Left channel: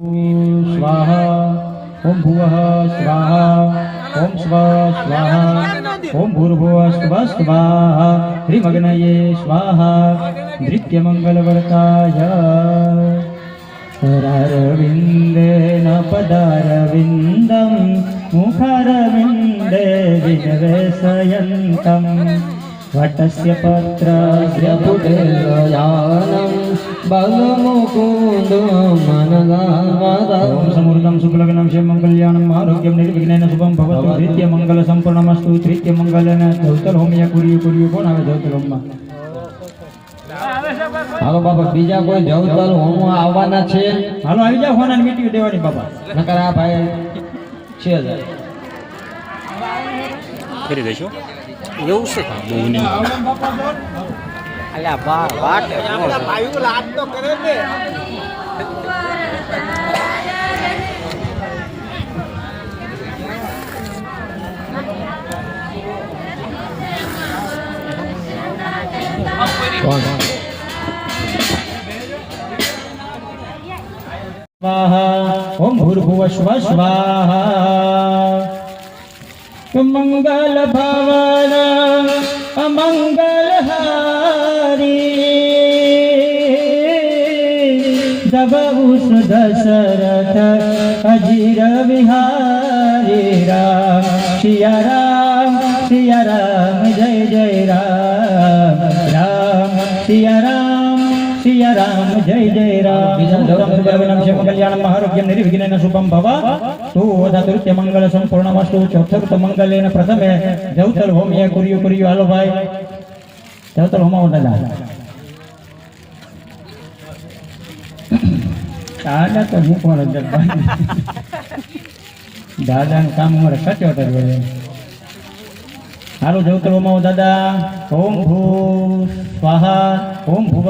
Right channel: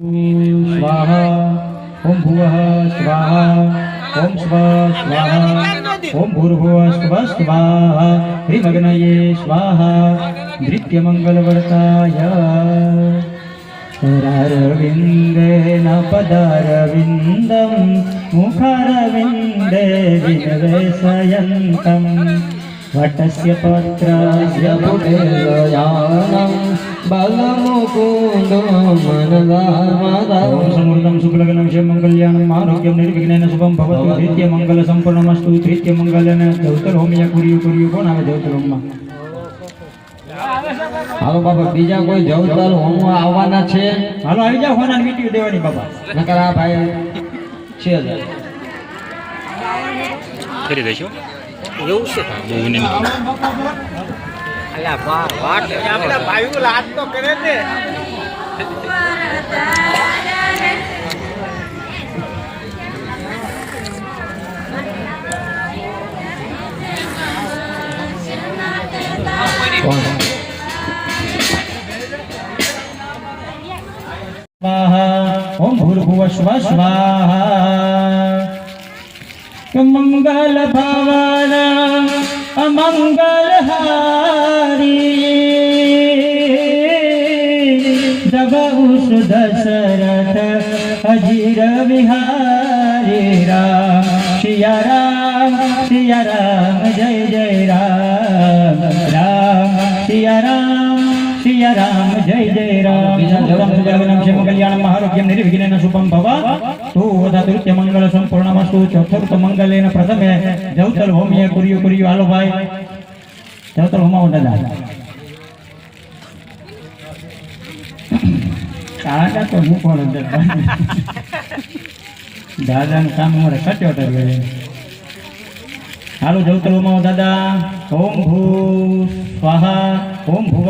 स्वाहा ॐ भुवः स्वाहा ॐ स्व स्वाहा ॐ स्वा स्व स्वाहा हिमग्नये स्वाहा नृत्यमङ्गलवर्ताय। नित्यमङ्गलव्रतायरविन्देनपदरविन्दं मुख अरविन्दे विनवेशयन्तम् વટસ્ય પત્રસ્ય પુટેલયાનમ બલમુકુંદમનદામાદમ સમૃદ્ધમ શુક્લગ્નમ શિવ મંગલ્યાણમ આરોગ્યમ નિર્વિઘ્નેન શુભમ ભવતુ નિત્ય મંગલ સંપૂર્ણમસ્તુ નિત્ય મંગલન ધવતર હોમિયા કુર્યું કુર્યું પણ આવે ધવતર હોમમાં હાલો બાબા બીજા કોઈ જવતર હોમ આવવાના છે? હાલો આવી જાવ હોના મીટી દેવાની બાબા. નકર આ ભાઈ છે ફરી દેશો એવું છે? બહુની અલ્યા વાહ વાત આપણા ભાઈઓ લાત તો કરે ને ઓમ ભૂર્ભુવ સ્વ સ્વાહા. મંગલ ભાવા among us. કલ્યાણમ આરોગ્યમ નિર્વિઘ્નેન શુભમ ભવ તું ઓધાતુત્ય મંગળ સંપૂર્ણ વસ્તુ ચોથુર્થ મંગલેન પ્રથમે જવતર હોમ્ય કર્યું કર્યું હાલો ભાઈ જવતર હોમાવો દાદા દાદા તો હું પણ દાદાનું કામ અમારે સચોટ જ હોય હાલો જવતર હોમાઓ દાદા ઓમ ભૂ સ્વાહા ઓમ ભુવ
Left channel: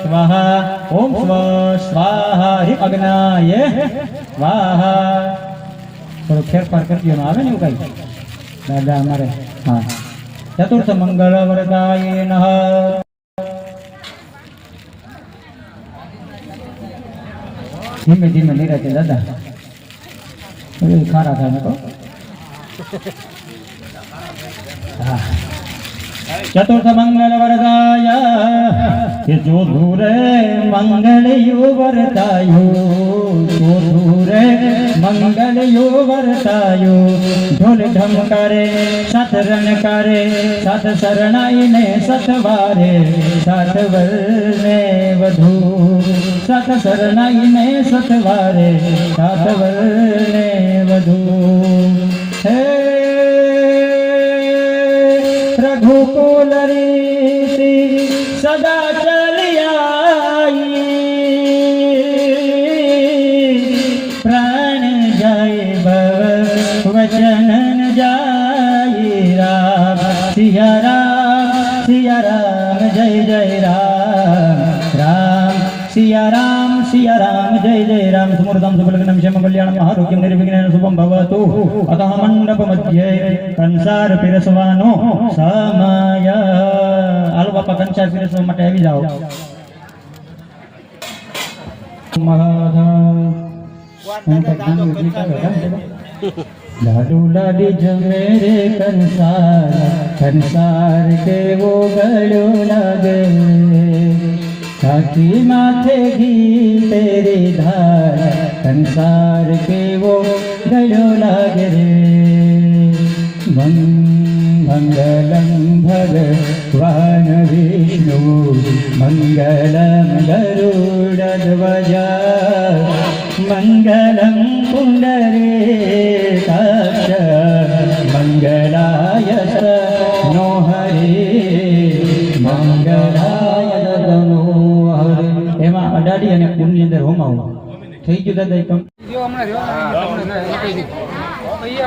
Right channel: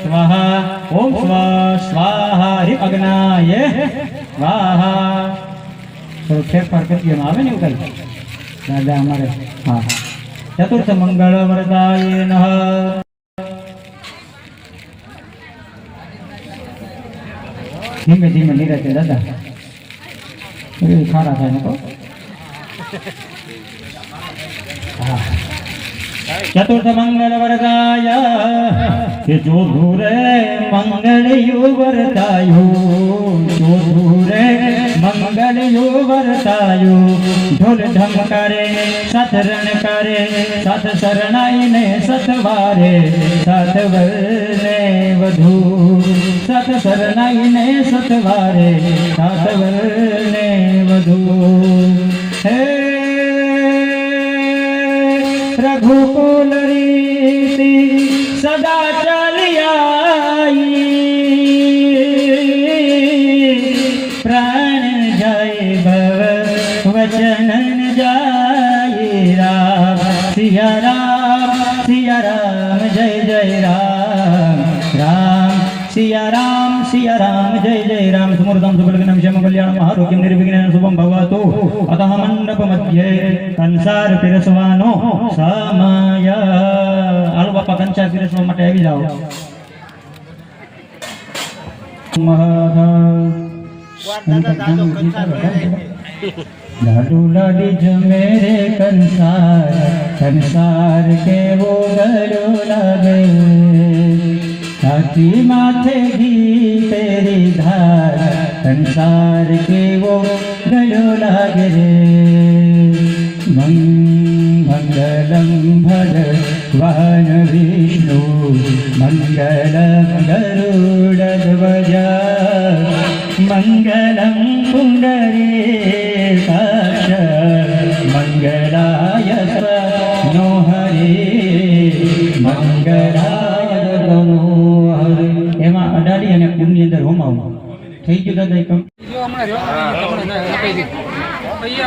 સ્વાહા ઓમ સ્વ સ્વાહા હિ અગ્નાય સ્વાહા તો ફેરફાર કરતી એમાં આવે ને એવું કઈ દાદા અમારે હા ચતુર્થ મંગળ વરદાય નઃ ધીમે ધીમે નીરજે દાદા એ ખારા થાય ને તો चतुर्थ मंगल वरदाय जो धूरे मंगल युवरतायो जो धूरे मंगल युवरतायो ढोल ढम करे सत करे सत शरणाई ने सतवारे सत वर्णे वधू सत शरणाई ने सतवारे सत ने वधू। हे હે શુભમ ભવતુ અતઃ મંડપ મધ્યે કંસાર પીરસવાનો સમય હાલો બાપા કંસાર પીરસવા માટે આવી જાઓ દાદા દાદો કંસાર લઈ લે. લાડુ લાડી જમે રે કંસાર કંસાર કેવો ગળો લાગે છાતી માથે ઘી તેરી ધાર કંસાર કેવો ગળો લાગે રે મંગલમ ભગવાન વિષ્ણુ મંગલમ ગરુડ ધ્વજ મંગલમ પુંડરીકાક્ષ મંગલાય નો હરે મંગલાય ગનો હરે એમાં અડાડી અને કુંડની અંદર હોમાવો થઈ ગયું દાદા એકમ જો હમણાં જો હમણાં ના નખાઈ દીધી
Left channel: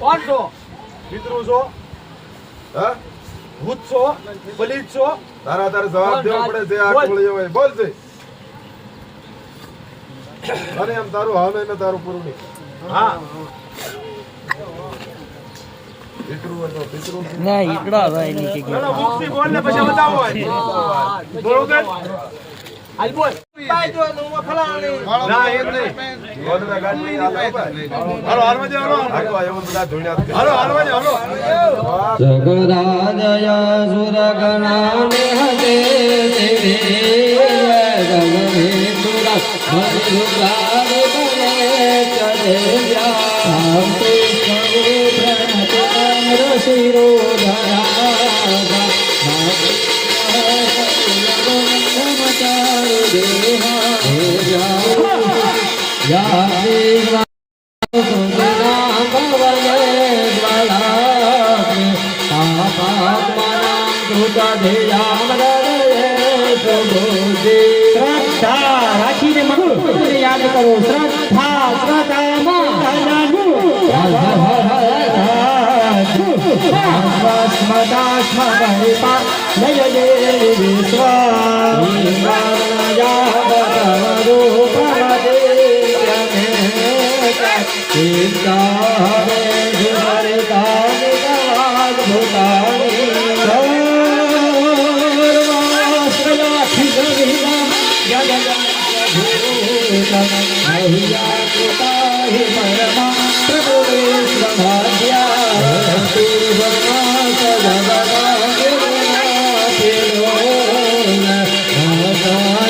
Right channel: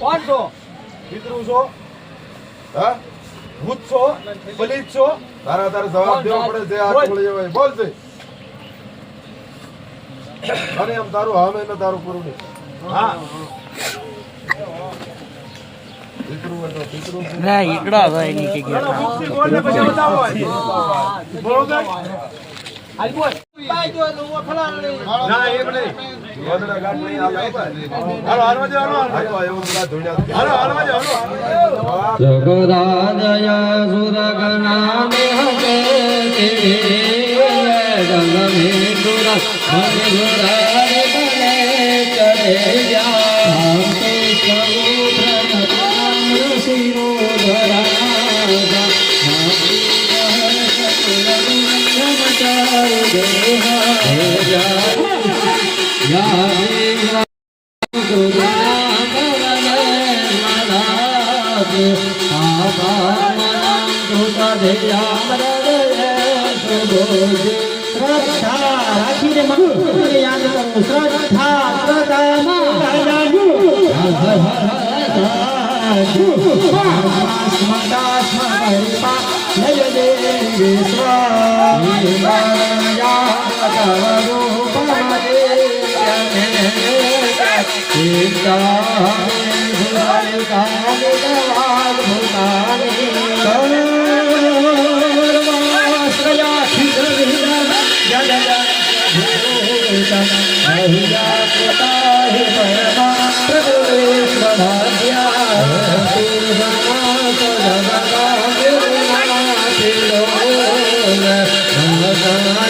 કોણ છો? મિત્રો છો. હા? ભૂત છો? બલિત છો? તારા તારે જવાબ દેવો પડે જે આ કોળ હોય. બોલ છે અને એમ તારું હવે ને તારું પૂરું નહીં. હા. ને પછી બતાવો. બોલ. પાય જો નું ફલાણી ના એમ નહીં ગોદડા ગાંઠની આ લાવ ભાઈ. હાલો હાલવા દે હાલો હાલો, એવું બધા ધૂળિયા જ હાલો હાલવા દે હાલો જવાબ જગદાજય સુરગણાને હતે ગંગમે સુરા હરે ચલે જા 아, Radha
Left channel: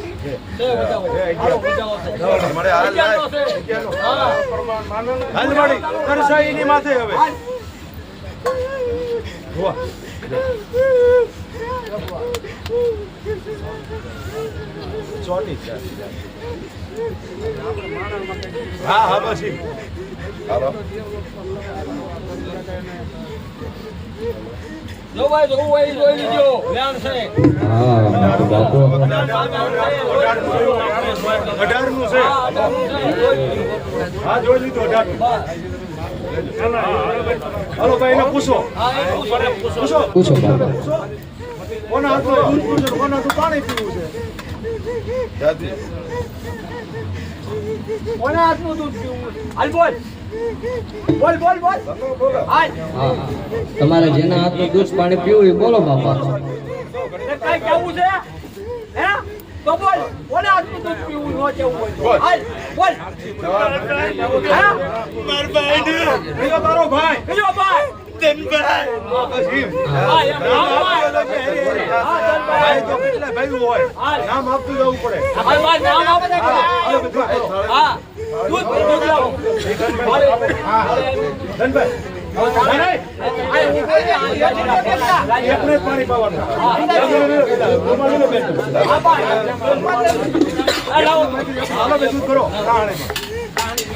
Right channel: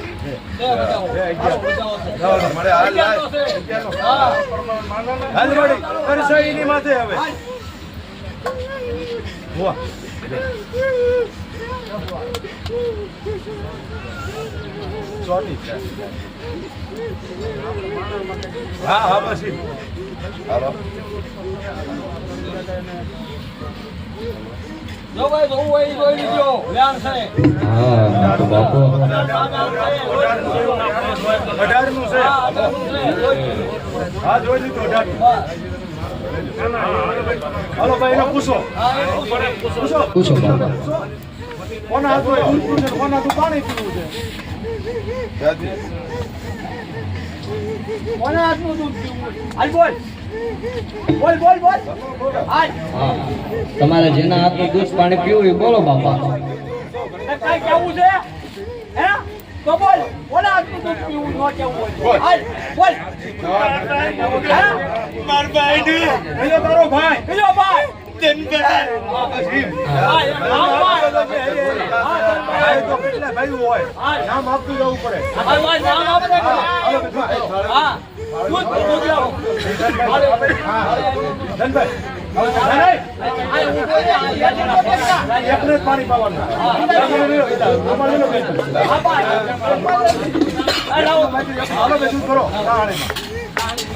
પરસાઈની માથે હવે છે હા હા પછી જો ભાઈ જોવું હોય જોઈ લીજો વ્યામ છે હા તો બાપુ અઢારનું છે હા જોઈ લીધું અઢાર બસ. હાલો ભાઈ એને પૂછો હા એ પૂછો. પૂછો પૂછો બાપુ કોના હાથમાં દૂધ પીવું કોના હાથમાં પાણી પીવું છે કોના હાથનું દૂધ પીવું? હાલ બોલ. બોલ બોલ બોલ. તમારે જેના હાથનું દૂધ પાણી પીવું એ બોલો બાપા. કાંઈ કહેવું છે? હે? તો બોલ. કોના હાથનું દૂધ પીવું ન કેવું બોલ. હાલ બોલ. હે? કયો તારો ભાઈ. કયો ભાઈ. નામ આપતું જવું પડે. એકને પાણી પાવાનું. હાલો બેસું કરો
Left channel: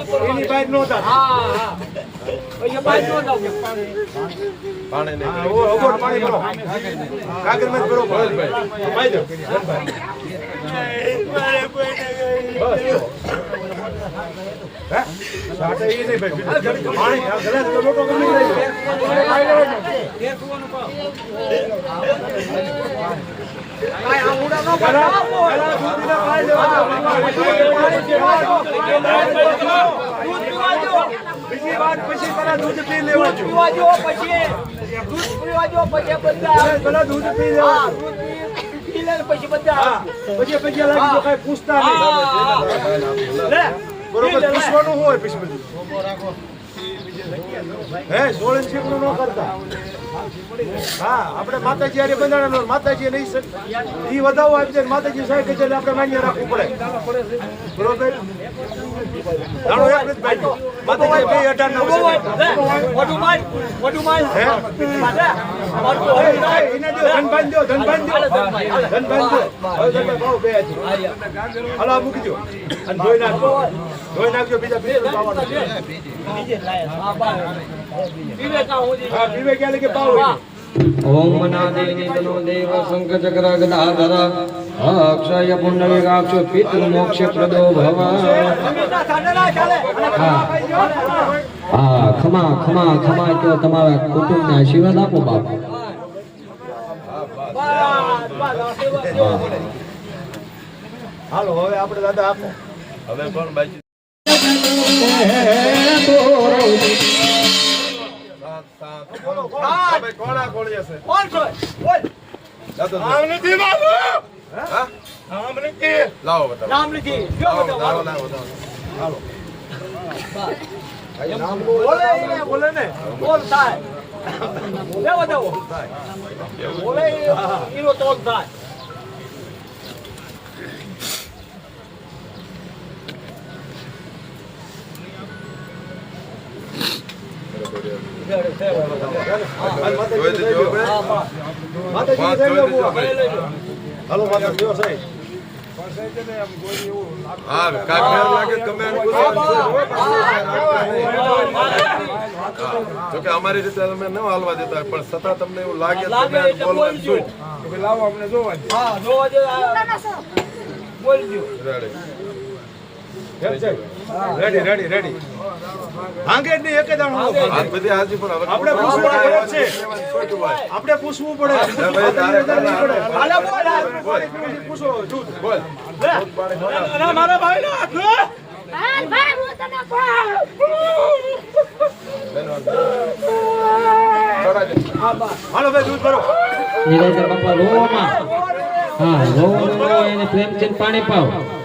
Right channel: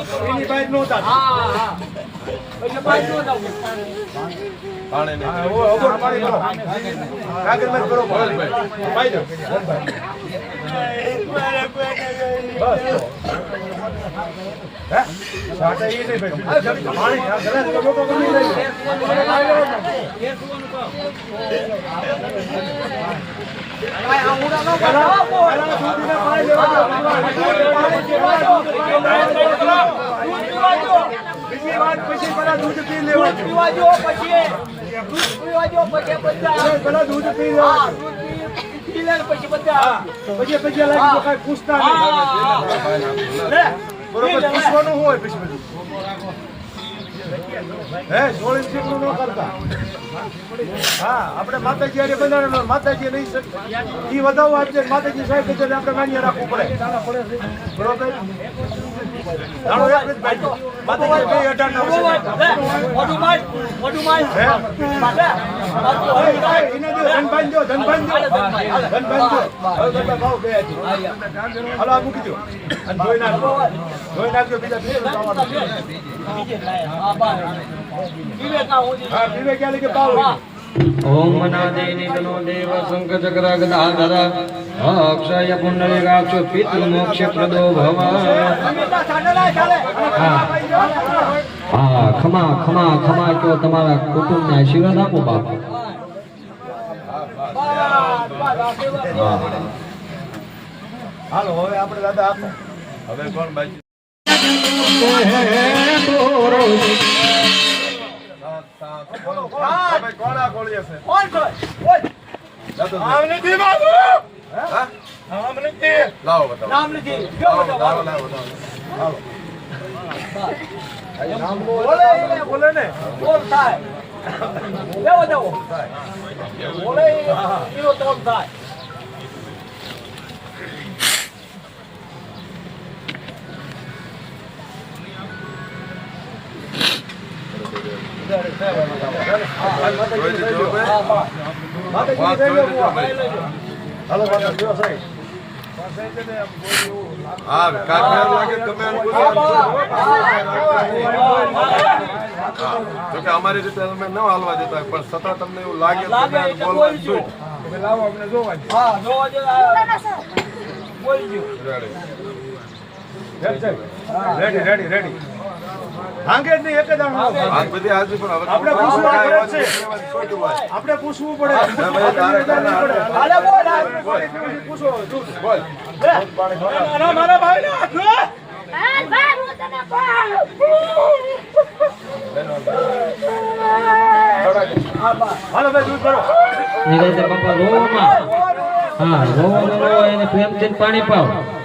એને. હા. હા, બહાર નહોતા. હા, હા. પછી બાઈ નો લાવું. હા, ઓ, અગર પાણી કરો. કાગર મત કરો, ભાઈ. ભાઈ જો નહીં ભાઈ. જ. બીજી વાત પછી પેલા દૂધ પી લેવા પીવા દો પછી દૂધ પીવા દો પછી બધા પેલા દૂધ પી લેવા પછી બધા પછી પછી લાગી તો કાંઈ પૂછતા નહીં બરોબર પૂછવાનું હોય પછી બધું. હે સોળે શીખવું ન કરતા? હા આપણે માતાજી આરે બંધાણો માતાજી નહીં એ ઈ વધાવો આપજે માતાજી સાહેબ આપણે માન્ય રાખવું પડે. બરોબર? હાલો મૂકી દો. અને ધોઈ નાખજો. ધોઈ નાખજો બીજા બે. હા, પીવે ક્યાં લગે પાવ. ઓમ મનાદે નિધનો દેવ શંખ ચક્ર ગદાધર અક્ષય પુંડરીકાક્ષ પિતૃ મોક્ષ પ્રદો ભવ. હા ખમા ખમા ખમા કયો તમારા કુટુંબને આશીર્વાદ આપો બાપ. હાલો હવે આપણે દાદા આપો હવે કોણ બાકી કોણ કોણ હા આમ નથી લાવો બતાવો રામ નથી. કયો લાવો લાવો લાવો લાવો બોલે એને બોલે ને બોલ થાય. દેવો દેવો. બોલે કિલો તોલ થાય. જોઈ દીધું હવે? હા, બસ. હાલો માતા કયો સાહેબ હા લાગે તમે એને બોલાવો. જો કે અમારી રીતે અમે ન હાલવા દેતા પણ છતાં તમને એવું લાગે તમે. હા, જોવા જો. રેડી રેડી રેડી ભાંગે જ નહીં એક જ આપણે પૂછવું પડે છે. આપણે પૂછવું પડે. બોલ. પૂછો. લે. ના, મારા લે. ભાઈ નિરંજન બાપા લોમાં હા એને પ્રેમચંદ પાણી પાવ.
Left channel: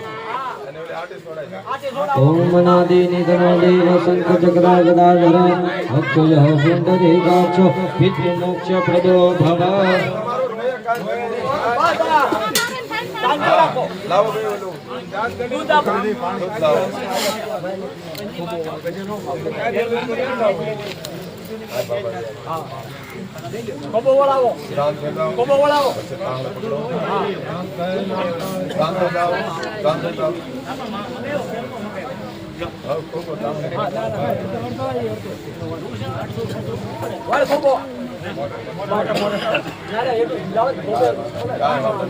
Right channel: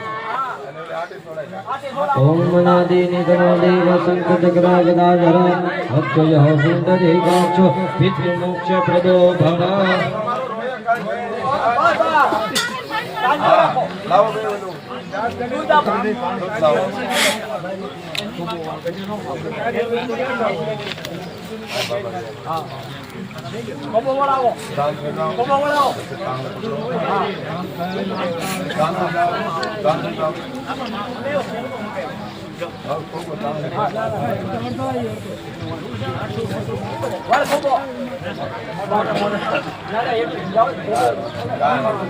ઓમ મનાદિ નિગણો દેવ શંખ ચક્ર ગદાધર અક્ષય સુંદરી ગાક્ષો પિતૃ મોક્ષ પ્રદો ભવ તારા હાથમાં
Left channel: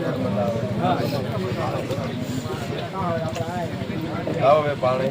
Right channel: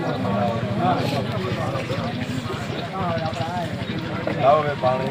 શક્તિ છે. આવડી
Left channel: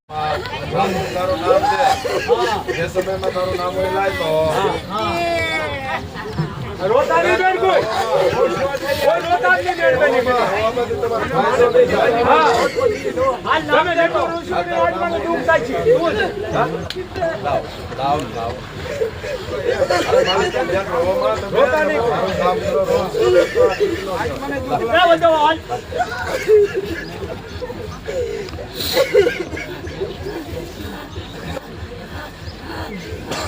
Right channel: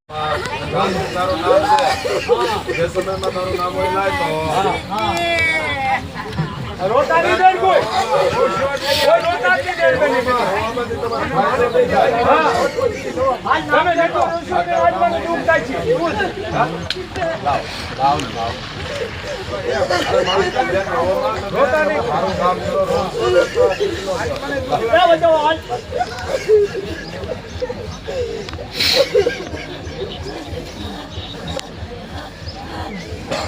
નામ તારું નામ છે જે સમયમાં તારું નામ હોય લાય તો રોતા બેન કોઈ. કોઈ રોતા બેન કોઈ. હોવામાંથી તમારો ફાયદો નહીં થાય. તમે જેટલો ઋષિ ને આત્માને થાય છે. એવું. લાવ લાવ લાવ અરે માણસ તો જ્યાં હોવામાં તમે મારું કામ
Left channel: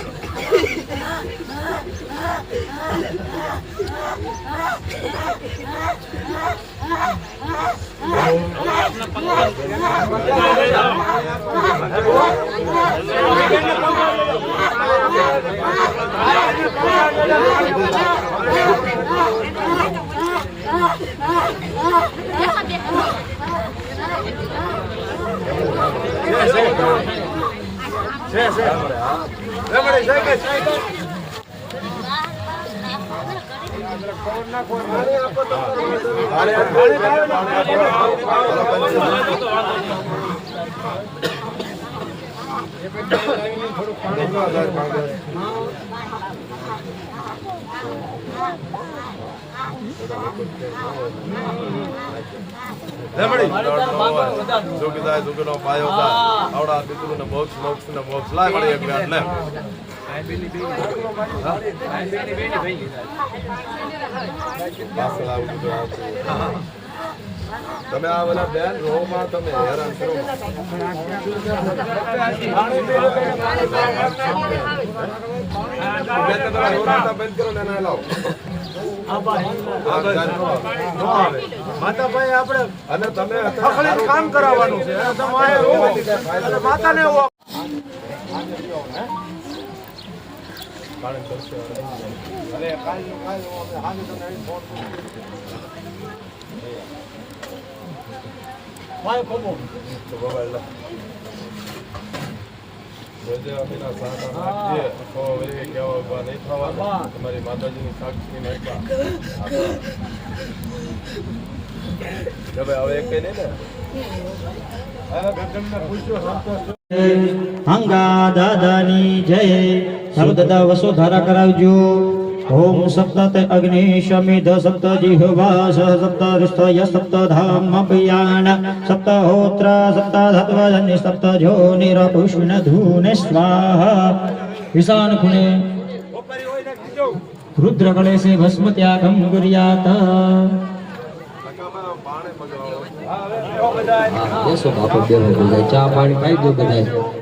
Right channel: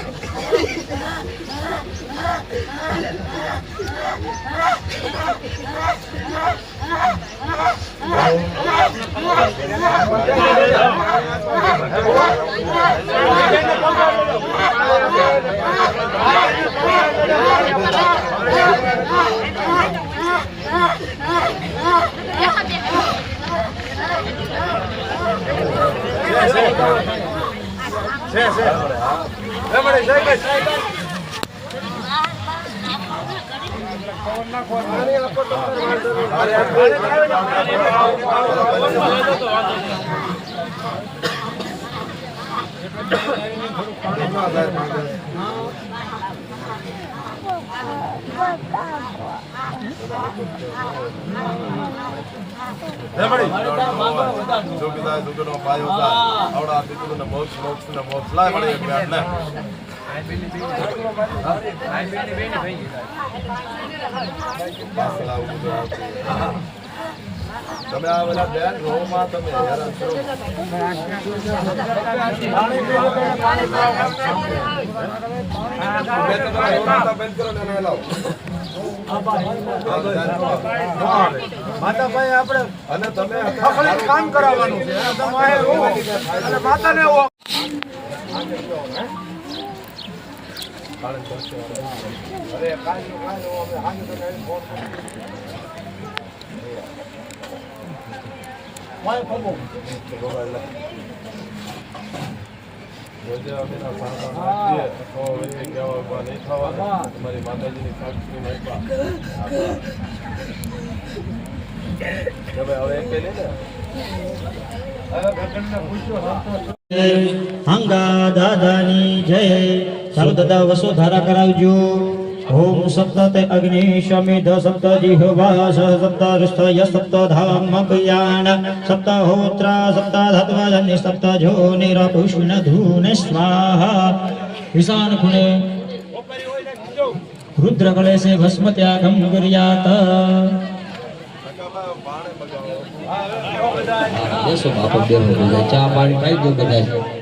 કરો રોજ લે બધો હાલ. જોગીદાય જોગીનો પાયો થાય આવડા દીકરીને મોક્ષ મોક્ષ ને મોક્ષ લાય મળે એટલે એટલે પાસ લાવું. તમે આ બધા બેન રોમાં તમે હેરાન કરો. બંધ કરો ને લાવો. માતાભાઈ આપણે અને તમે કામ કરાવવાનું છે. અને તમે આ રોવો. અને માતાને સાંતા નાખજે. તો નહીં થવાનું. તમારી માતાજીની સાક્ષી હવે એક લે ને હંગા દાદાની જય ચાલો વસુધારા કરાવજો અગ્નિ શમિધ સપ્ત જીહવા સપ્ત રુષ્ટય સપ્ત ધામ અભયાન સપ્ત હોત્ર સપ્ત ધત્વજનિ સપ્ત જોનિર પુષ્ણ ધૂને સ્વાહા ઈશાન ખૂણે રુદ્ર કળેશે ભસ્મ ત્યાગમ ગુર્યાત બેસો, બાપા બધા ચા પાણી પાઈ દો બધા